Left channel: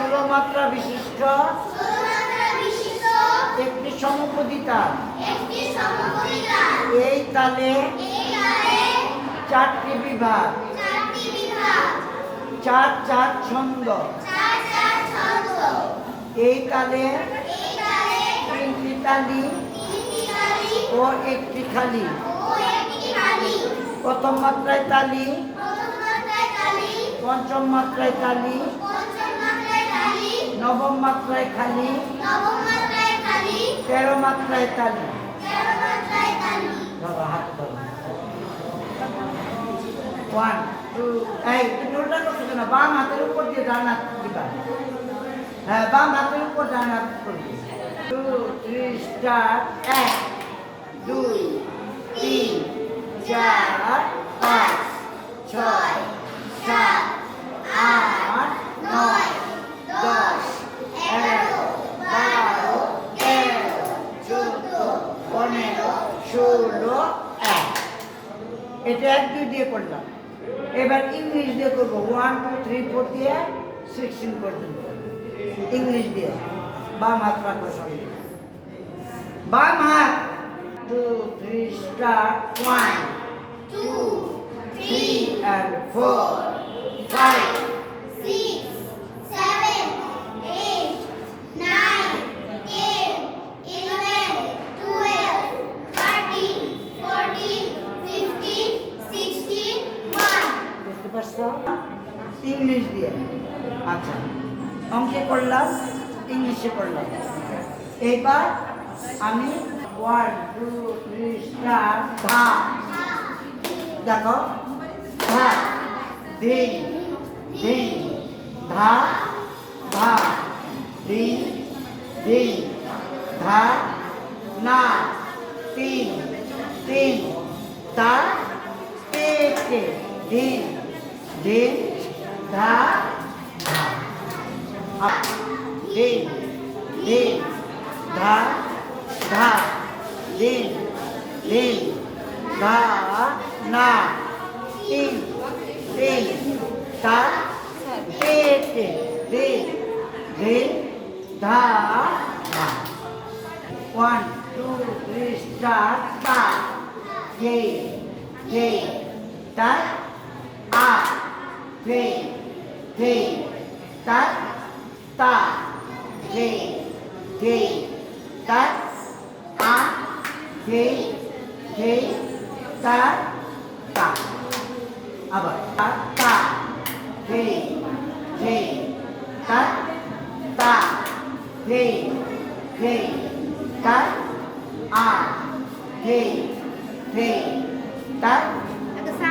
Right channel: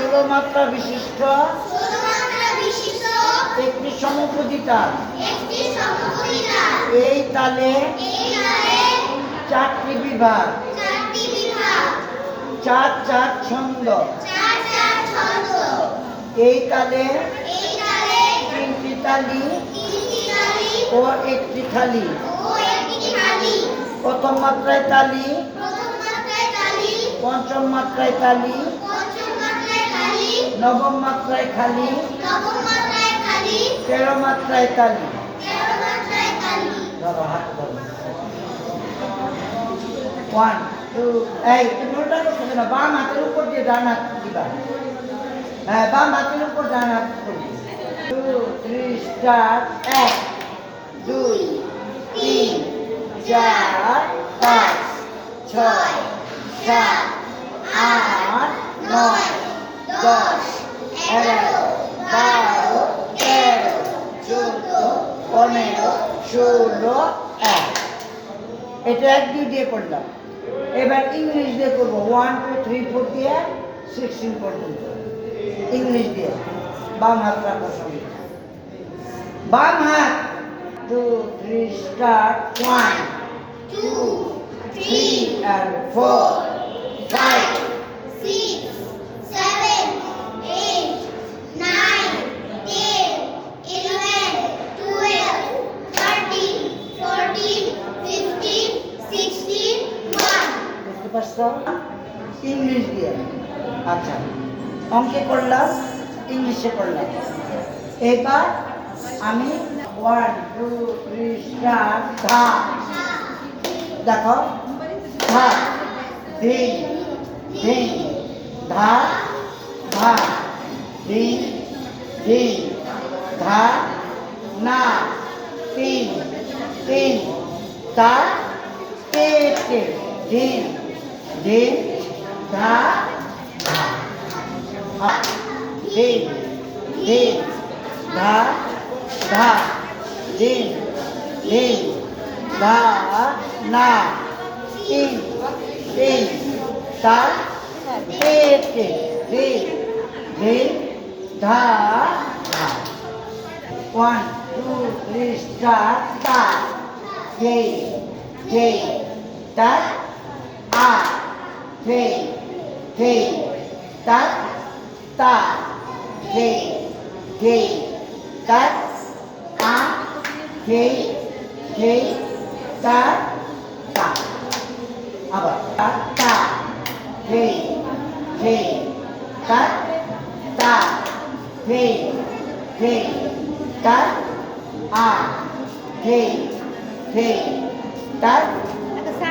16 মাত্রা বিশিষ্ট একটি সমপদী তাল। এই তালে 4টি বিভাগ, 4 ছন্দ। এই তালে 3টি তালি ও 1টি খালি। প্রথম মাত্রায় তালি, পঞ্চম মাত্রায় তালি, নবম মাত্রায় খালি, 13 মাত্রায় তালি। ধরো, হাত ধরো। 1 2 এই তুমি উল্টা করছো না, বাম হাতের উপর দিয়ে ডান হাত দিবা। হ্যাঁ, বাম হাতের উপর ডান হাত করবে। 2 3 স্টার্ট। 1 2 3 4 5 6 7 8 9 10 11 12 13 14 15 16 1। এটা 1 2 দিয়ে করলাম। এবার ইংলিশ দিয়ে করবো। 1 2 3 4 দিয়ে 16 পর্যন্ত ইংলিশ দিয়ে। বাম হাত রাখো সঙ্গে, বাম হাত। 2 3 স্টার্ট। 1 2 3 and 4 5 6 7 8 9 10 11 12 13 14 15 16 1। বুঝতে পারছো? ইংলিশ দিয়ে। আচ্ছা, অঙ্কে করলাম, ইংলিশে করলাম। এবার আমি 1 2 3 স্টার্ট। ধা, দেখো, ধা ধিন ধিন, ধা ধা ধিন ধিন, ধা না 3 3, তা তে তে, ধিন ধিন, ধা ধা। ধিন ধিন, ধা ধা, ধিন ধিন, ধা না 3 3, তা তে তে, ধিন ধিন, ধা ধা। 1 2 3 স্টার্ট। তা গে গে, তা আ গে গে, তা তা গে গে, তা আ গে গে, তা তা। আবার তা তা গে গে, তা তা গে গে, তা আ গে গে, তা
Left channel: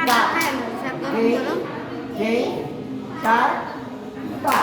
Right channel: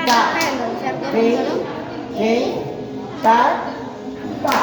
তা গে গে, তা তা।